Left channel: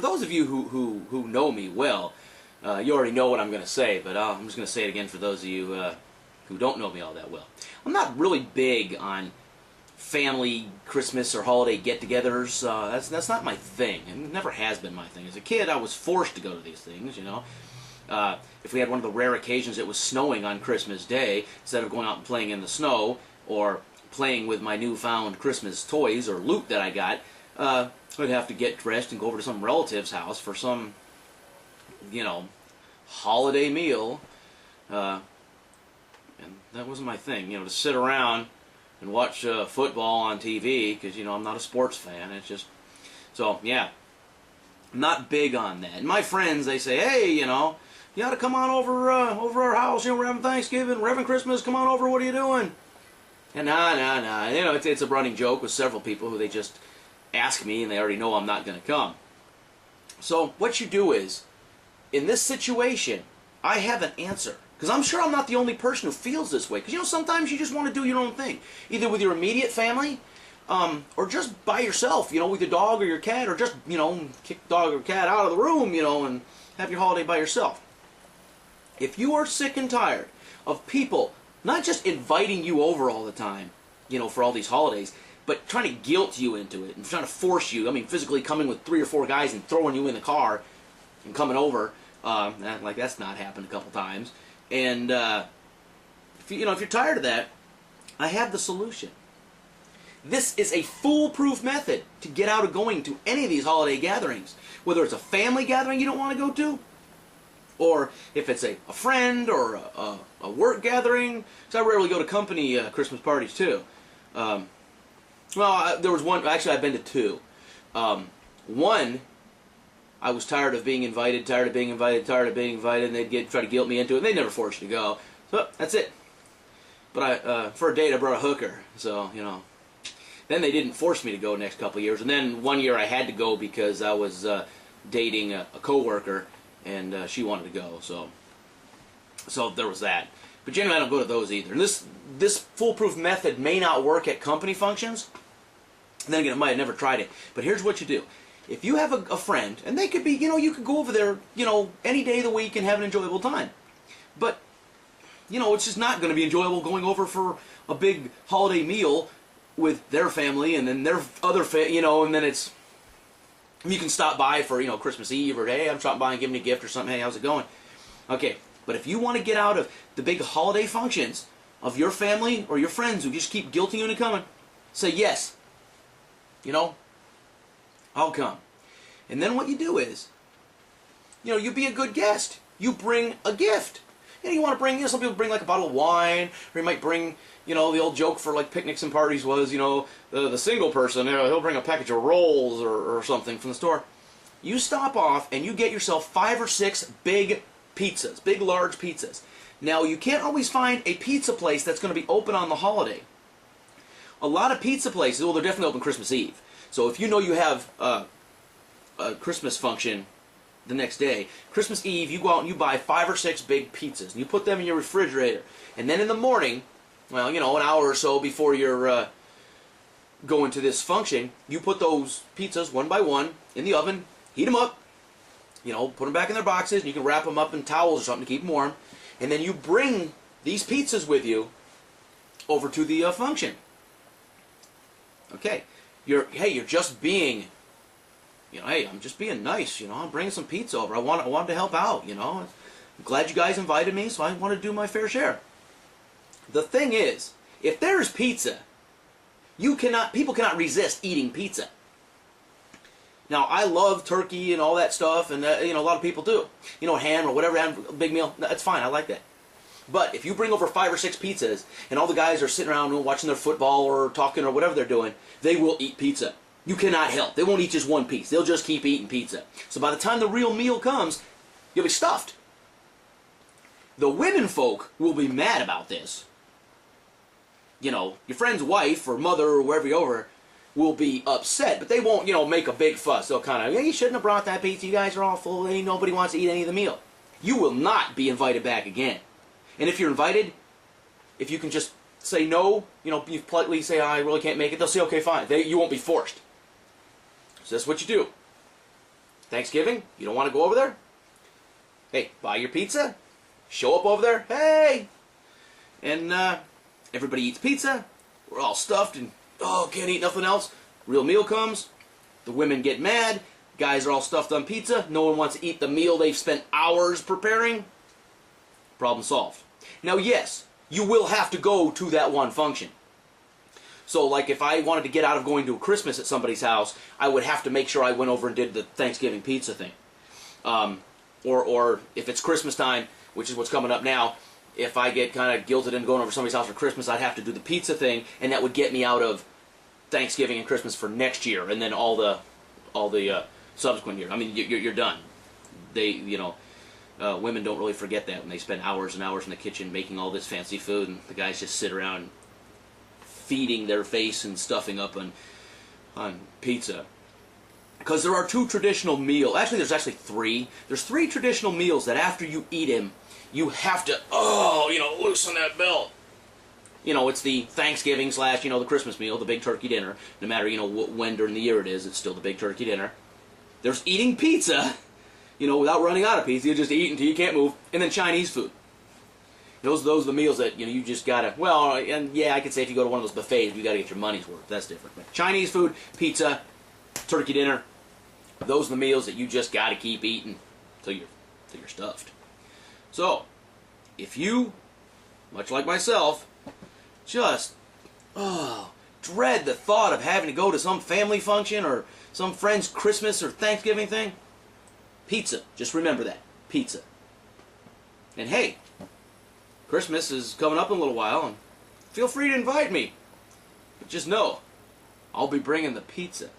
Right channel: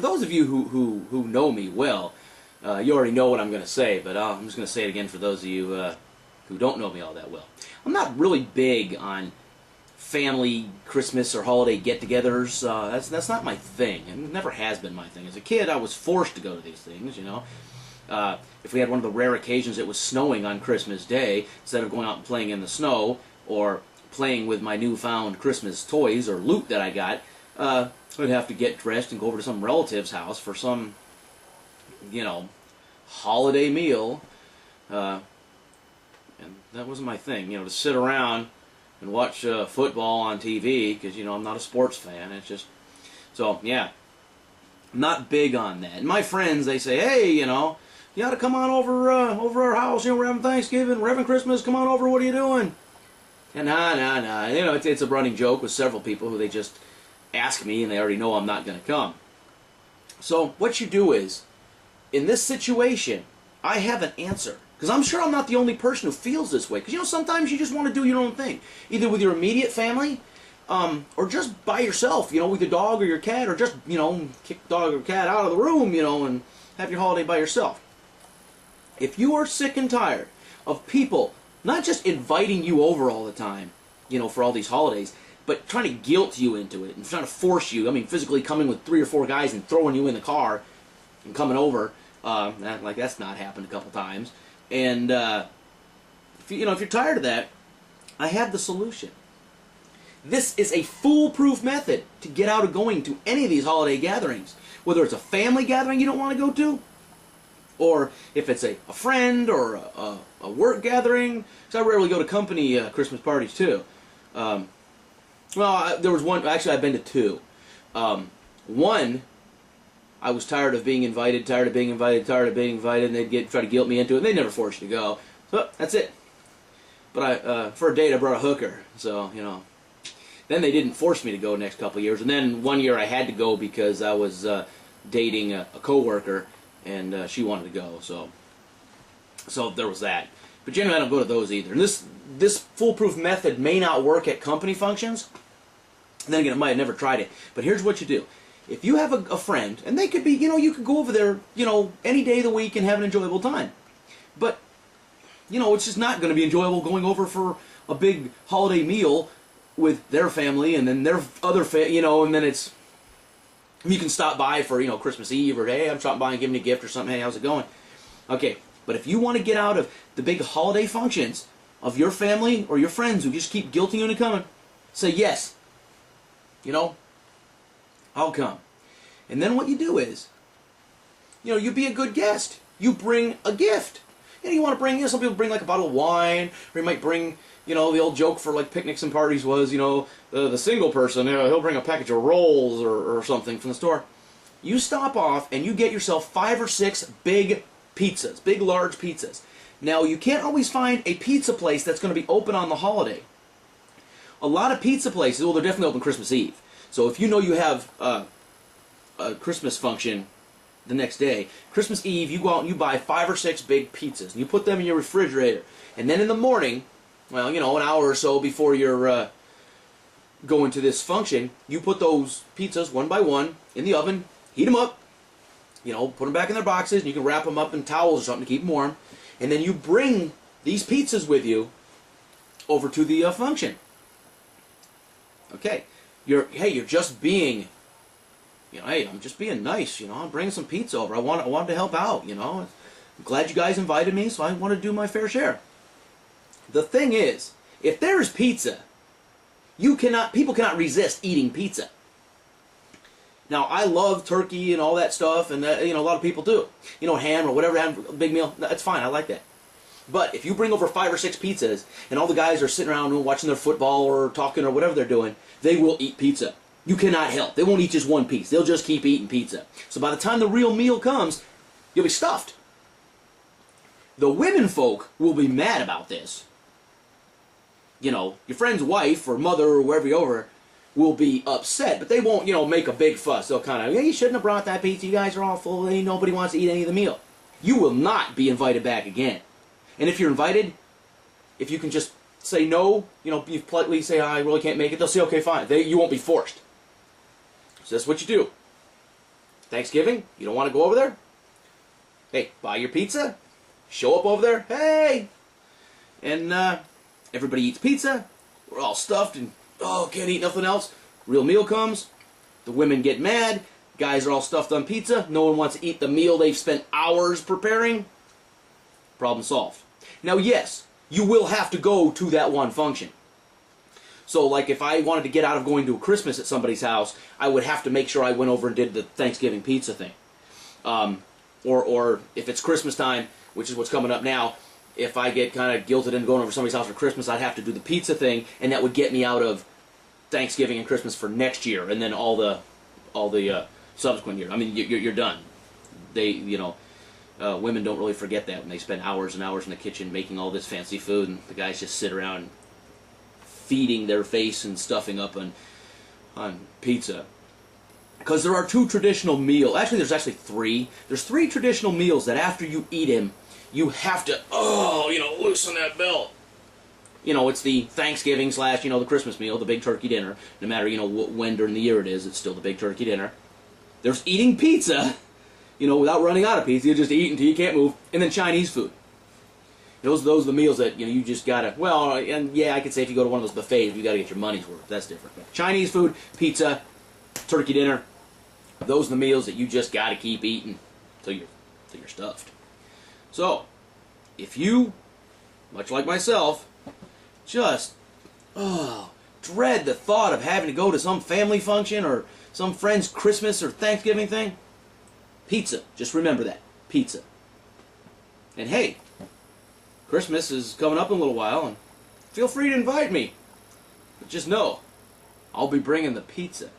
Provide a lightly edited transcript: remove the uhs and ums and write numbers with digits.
For those of you who know me well, you already know what I'm going to say, but I'm just going to say it again for those of you who don't know me all that well. I'm not really big on family Christmas or holiday get-togethers. That's not my thing, and it never has been my thing. As a kid, I was forced to go to these things, you know. If we had one of the rare occasions it was snowing on Christmas Day, instead of going out and playing in the snow or playing with my newfound Christmas toys or loot that I got, I'd have to get dressed and go over to some relative's house for some, you know, holiday meal. And that wasn't my thing, you know, to sit around and watch football on TV, because, you know, I'm not a sports fan. It's just, so, yeah, I'm not big on that. And my friends, they say, hey, you know, you ought to come on over our house, you know, we're having Thanksgiving, we're having Christmas, come on over, what are you doing? And nah, you know, it's a running joke with several people who they just ask me and they already know I'm not going to come. So what you do is, in this situation, I have an answer. Because I'm sure I'm not the only person who feels this way. Because, you know, sometimes you just want to do your own thing. Either with your immediate family, or just by yourself, you know, with your dog or your cat, or just, you know, kick the dog or cat out of the room, you know, and have your holiday by yourself. If you are sick and tired of people not just inviting you over all the time, you know, for all these holidays, but trying to guilt you into it and trying to force you, I mean, physically coming with 3 or 4 guys and throwing you in the car and coming over, like that's not happened a couple times. And if you're tired of that, I have the solution. This is a foolproof method to get out of going to any of these holiday gatherings. Whether it's a family gathering you don't want to go to, or if it's a friend or a work gathering. Because I rarely go to company Christmas parties too. Well, there was one, actually I've been to 2. One, I was tired of being invited, and they'd try to guilt me into it, and they'd never force you to go. So, that's it. But for a date, I brought a hooker, so, you know. Then they didn't force me to go the next couple of years, and then one year I had to go because I was dating a coworker, and she wanted to go, so there was that. But generally, I don't go to those either. And this foolproof method may not work at company functions. And then again, it might have never tried it. But here's what you do. If you have a friend, and they could be, you know, you could go over there, you know, any day of the week and have an enjoyable time. But, you know, it's just not going to be enjoyable going over for a big holiday meal with their family and then their other you know, and then it's, you can stop by for, you know, Christmas Eve, or hey, I'm stopping by and giving you a gift or something, hey, how's it going? Okay, but if you want to get out of the big holiday functions of your family or your friends who just keep guilting you into coming, say yes. You know, I'll come. And then what you do is, you know, you be a good guest. You bring a gift. You know, you want to bring, you know, some people bring like a bottle of wine, or you might bring, you know, the old joke for like picnics and parties was, you know, the single person, you know, he'll bring a package of rolls or something from the store. You stop off and you get yourself 5 or 6 big pizzas, big large pizzas. Now, you can't always find a pizza place that's going to be open on the holiday. A lot of pizza places, well, they're definitely open Christmas Eve. So if you know you have a Christmas function the next day, Christmas Eve, you go out and you buy 5 or 6 big pizzas, and you put them in your refrigerator. And then in the morning, well, you know, an hour or so before you're going to this function, you put those pizzas one by one in the oven, heat them up, you know, put them back in their boxes, and you can wrap them up in towels or something to keep them warm. And then you bring these pizzas with you over to the function. Okay, you're just being, you know, hey, I'm just being nice, you know, I'm bringing some pizza over. I wanted to help out, you know. I'm glad you guys invited me, so I want to do my fair share. The thing is, if there's pizza, people cannot resist eating pizza. Now, I love turkey and all that stuff, and you know, a lot of people do. You know, ham or whatever, a big meal, that's fine, I like that. But if you bring over 5 or 6 pizzas, and all the guys are sitting around watching their football or talking or whatever they're doing, they will eat pizza. You cannot help. They won't eat just one piece. They'll just keep eating pizza. So by the time the real meal comes, you'll be stuffed. The women folk will be mad about this. You know, your friend's wife or mother or wherever you're over will be upset, but they won't, you know, make a big fuss. They'll kind of, yeah, you shouldn't have brought that pizza. You guys are all full. Ain't nobody wants to eat any of the meal. You will not be invited back again. And if you're invited, if you can just say no, you know, you politely say, I really can't make it, they'll say, okay, fine. You won't be forced. So that's what you do. Thanksgiving, you don't want to go over there? Hey, buy your pizza, show up over there, hey! And everybody eats pizza, we're all stuffed and, oh, can't eat nothing else. Real meal comes, the women get mad, guys are all stuffed on pizza, no one wants to eat the meal they've spent hours preparing. Problem solved. Now, yes, you will have to go to that one function. So, like, if I wanted to get out of going to a Christmas at somebody's house, I would have to make sure I went over and did the Thanksgiving pizza thing. Or if it's Christmas time, which is what's coming up now, if I get kind of guilted into going over to somebody's house for Christmas, I'd have to do the pizza thing, and that would get me out of Thanksgiving and Christmas for next year, and then all the subsequent years. I mean, you're done. Women don't really forget that when they spend hours and hours in the kitchen making all this fancy food, and the guys just sit around feeding their face and stuffing up on pizza. Because there are two traditional meals. Actually, there's actually three. There's three traditional meals that after you eat them, you have to, loosen that belt. It's the Thanksgiving / the Christmas meal, the big turkey dinner. No matter, when during the year it is, it's still the big turkey dinner. There's eating pizza, without running out of pizza. You just eat until you can't move. And then Chinese food. Those are the meals that, you just gotta, and yeah, I could say if you go to one of those buffets, you gotta get your money's worth. That's different. But Chinese food, pizza, turkey dinner, those are the meals that you just gotta keep eating till you're stuffed. So, if you, much like myself, just, dread the thought of having to go to some family function or some friend's Christmas or Thanksgiving thing, pizza. Just remember that. Pizza. And hey, Christmas is coming up in a little while, and feel free to invite me. But just know, I'll be bringing the pizza.